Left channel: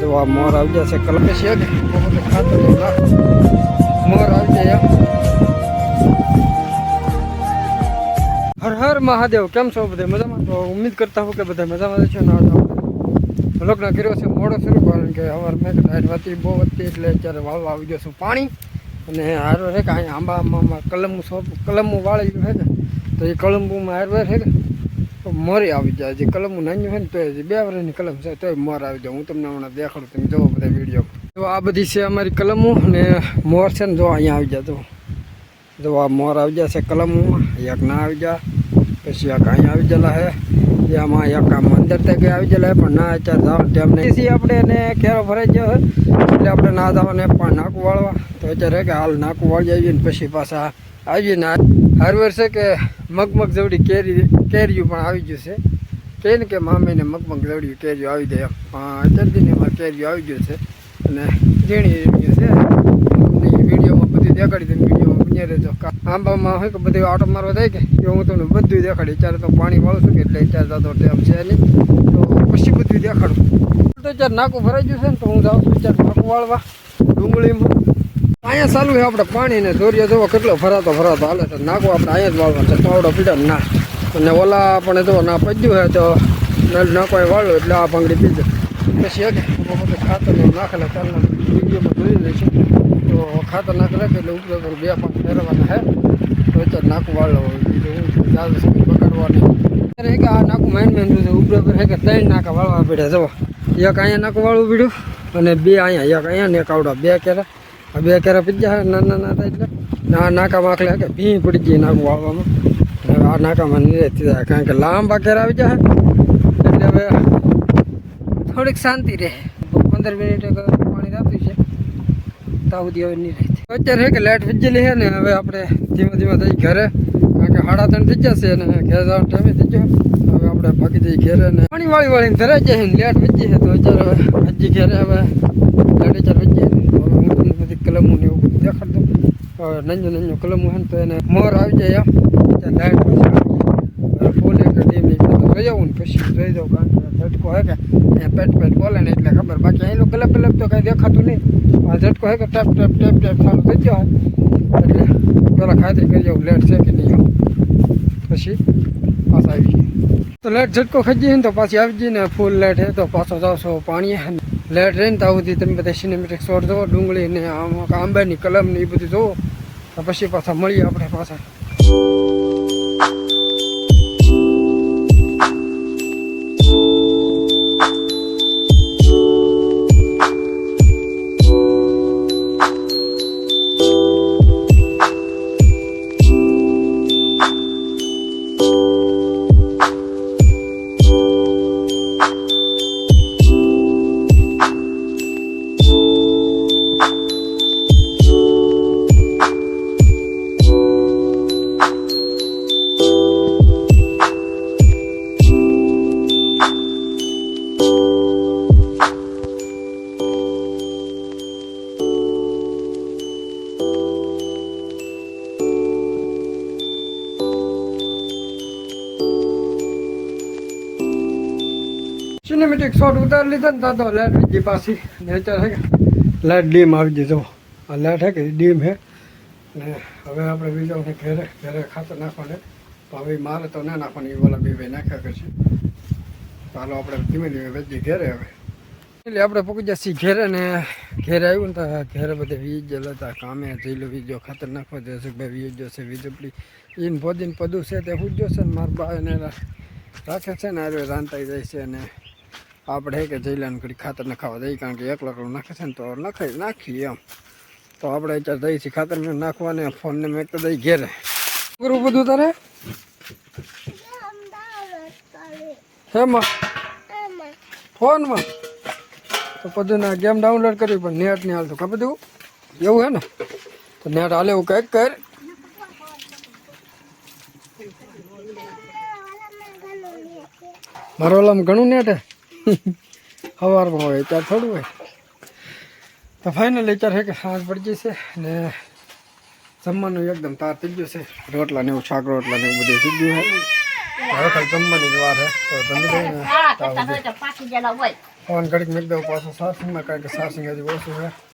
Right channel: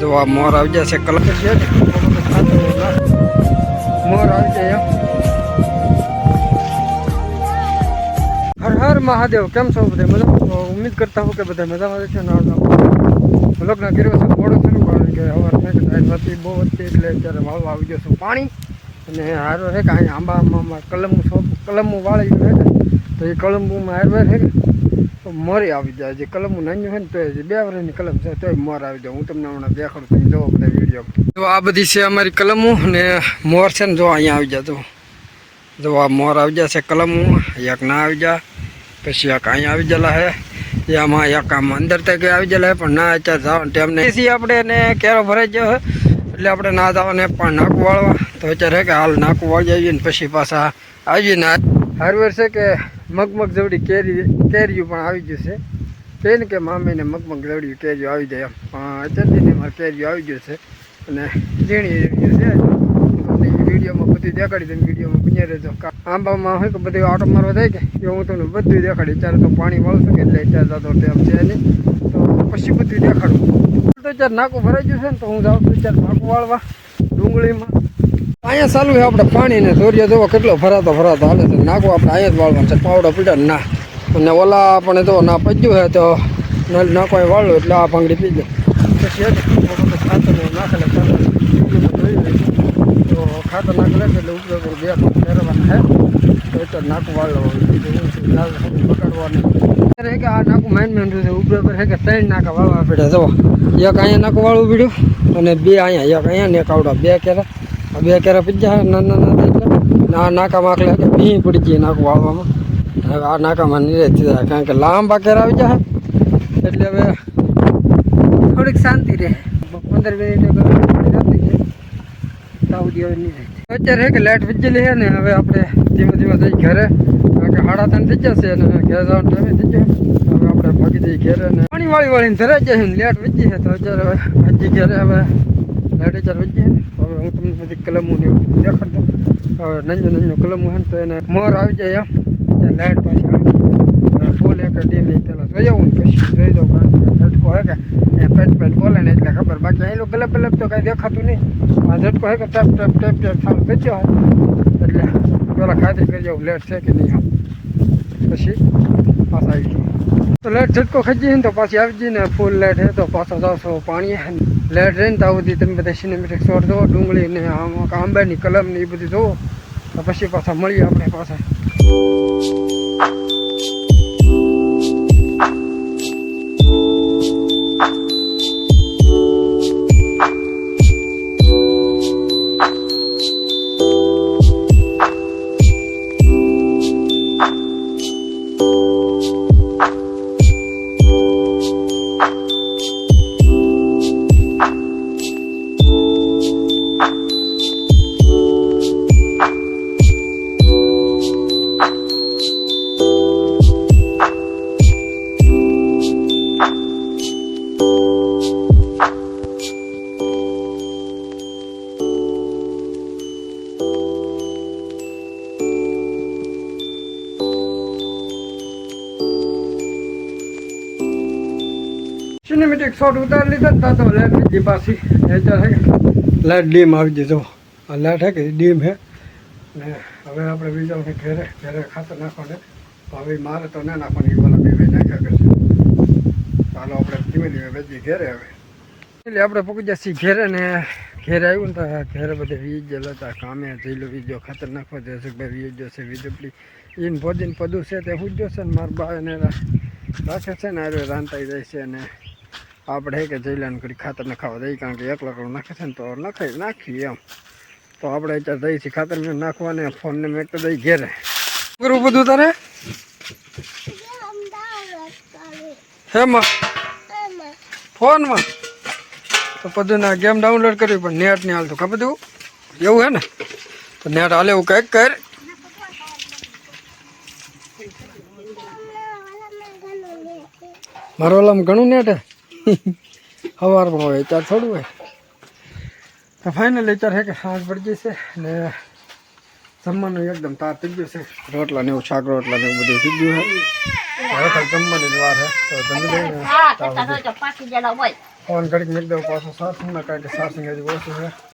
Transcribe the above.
જો આ મોર આવી છે કલર છે ને? ખાતર મોર આવી જાય હર હર મહાદેવ, કેમ છો બધા? મજા તો ઉમ્મીદ કરતા હું કે બધા મજામાં છે ને લગ્ન કર્યો છે, મોડો શરૂ કારણ કે હવાર મેં વતી બહુ વધતી એટલે અત્યારે વાળવા આવી ગયો છું પાણી. અને હારો છે કે અહીંયા આંબામાં કલમું કલમું વાળી છે તો એ કલમુમાં હારવાર છે કે? તો મોરી આવી જાય જે કલમું નાની હોય ને તો બે વર્ષની કલમ છે, તોય મોર આવી જાય. હું તમને હમણાં દેખાડું, તમે જોવો બધા વીડિયો. તો આ બધી છે અમારી કલમો ને મોર છે ને જો અહીંયા આવી જાય તો જો આ મોર આવી જાય છે કલમોમાં એક ના આવી જાય, પછી એક અહીંયા આવી ગયેલા હે એમાં એક આમ અંદર તક આવી ગયેલા હે પણ ના અત્યારે જવાનું ટાઈમ નહીં. એસી આપણે એને કેરો ભરાઈ ગયો હોય એટલે આપણે ના જવાને પણ નાકું વાળવા. તો અત્યારે કે હાલ નાકું વાળી આવીએ ને પછી પાછા આવીએ ને હારવાર છે કે મગમગ જવડી કેરી, કેરીયું પણ આવી ગયું છે. કે ને કે મામીને મગમગ જવડી કેરીયું આવી જાય પણ અત્યારથી એમાં કેરીયું આવી ગયું છે. અને ઝીણી છે. વિડીયોમાં બધું દેખાડી દે વિડીયોમાં બન્યા રહેજો. આંબામાં હોય કે બધું આટો મારવા થાય કે? એ હું તમને બધું દેખાડી. અત્યારે તો પાણી વાળું છું કે એટલે અત્યારે તો ટેમ છે નહીં. તો પછી બધું દેખાડું. તો અત્યારે નાકું ભરાઈ ગયું છે ને, તો હું જાઉં છું અત્યારે નાકું વાળવા ડુંગળીમાં. અહીંયા ચાલુ છે આપણે પાણી ને ધોરિયા જોવો કેટલો ભરાતો ભરાતો હાલે છે. નાખો આપણે, અહીંયા જ વાળવાનું છે. પાવડો પીડા ના અને ઓલા આપણે જો ના પજ્યું હોય તો નાકો વાળો એટલે આ ભાંગડી પી પછી એક ખાતર નાખેલા ચાલવા વિડીયોમાં જોઈ રહી છે. તો ખાતર નાખેલા છે એટલે ઉપયોગ પર બે પાંચ ફેરવાના હે તો અત્યારે નાકું વાળો. બીજું હું છું જાજુ સમય બગાડવાની. અત્યારે કે આ નાકું માઇન મેન છે, ઉપયોગ પર કે ત્રણ નાકા વાળવા પડ્યા. જવો એક અહીંયા નાકું વાળવું પીડ્યું અને બે અહીંયા, એક અહીંયા ને એક આવડા. બે કેરા. બે કેરા પીજા નાના નાના એટલે. ના નાકા માખલે કે ભી પડી ગઈ નાકું વાળવામાં હવે આ નાકામાં નિરેત જાય કારણ કે લાંબા કેરા આવી જાય એટલે હવે થોડીક શાંતિ રહે. પંદર મિનિટ પાણી છે. તાવ દી હવે નહીં કે લાઇટ વીજેલી છે ને, હવે આપણે ધીમે ધીમે થઈ ઘરે. કારણ કે સાડા ત્રણ થઈ જશે અને ઘેર જવાનો થઈ ગયો. હવે આપણે ભાગી જઈએ ઘેરે ને. પાણી વાળી વાળીને ધરાઈ જાય ને લાઇટ વીજી છે તો અત્યારે હજી ઘેરે હવે અત્યારે વીજી હવે હું બધી કલમો ને એવું દેખાડતો હવે નંજો નંજો કલમો ને તો એને મોર આવી જાય એમ લાઇટ પાછી ફૂલ એક ધીમે જોઈ આવું ને પછી જોઈ દઉં કારણ કે ઝટકો હે કે એ પેટ પેટ બોલે ને એટલે ખબર બાકી અહીં ગલપ ગલપ તો કાંઈ દેખાતું નહીં આ ઝટકો હે કે ટેપ ટેપ ટેપ ટેપ ચાલુ થઈ ગયો એટલે પેલા ખાતરી કરી જાઉં લેટ છે કે નહીં આમ પછી પાછા આવી જઈએ તો લેટ ઝટકો ખાઈ ને તો પાછી આવી જઈએ ને ફૂલ લેટ હે તો પાછો જાવશો પાણી લેટ રહીને તો સુધી તમે બધા સિનેમેટિક શોર જુઓ, ડુંગળી ને આમ આંબાની કલમ ને એ બધું જુઓ. તો પછી પાછા મળીએ આપણે પાછા. સિનેમેટિક શોટ ઉતારી લીધા ને તો લાઇટ બીજી પાછી. અત્યારે હે લાઇટ ડીમ આવી દીધો આ લાઇટ હે કે ડીમ હે? ને હવે આપણે બીજાને ઘેરે ઘેરે ખાતર નાખવાને. હવે મારે તો ના નાખવાની વાલા બે બે નાખ્યા કરશે. ચાલો આપણે ધીમે ધીમે વેચી ઘેરે હવે. એટલે આપણે પૂકી જશે ઘેરે ને ઘેરે આવ્યું ને તો ઘેરે બધે વીજ હતા કામે જઈલો વીજો ખાતર નાખવા જશે ભાઈ વીજ જશે વીજપડી એને ભોજન પદું છે તે હું જોશે ને મારા બા એને રાખે છે ને આરે રાંધાઈ જાય છે અને આપણે કે જઈલાને ઘડી ખાતર નખાવા દઈએ, કારણ કે એક લાકડું નાખે છે ને તો નખાઈ નાખીએ એમ. તો આપણે અત્યારે દઈએ છીએ ખાતર, મેં નાખવાને ફોનને મેં તો દઈ ઘેરે. કરવું બધું તારે? હેમાં? ફોનમાં? તો બધું ના, ગેમ ડાઉનલોડ કરવી પણ નેટ નહીં હાલતું, ખબર તું? એવું હે ને? તો નેટ હાલે એવું કંઈક કર. મારો ઓલામાં ઘણું નેટ હે. સવારમાં હોય ચાર થોડું હોય. તો ફાઇનલ છે કે સાંજ પડી જશે ને જમવાનું એકદમ તાર થઈ ગયું છે. રોટલા ને એવું શાક રોટલા ને એવું બધું થઈ ગયું છે. હવે ખાલી જમવાની જ વાર છે. તો જમી હોય. ફોન ઘડીક મેક દઉં પાછો સારસિંગમાં કારણ કે સારસિંગ હજી ઓછું છે.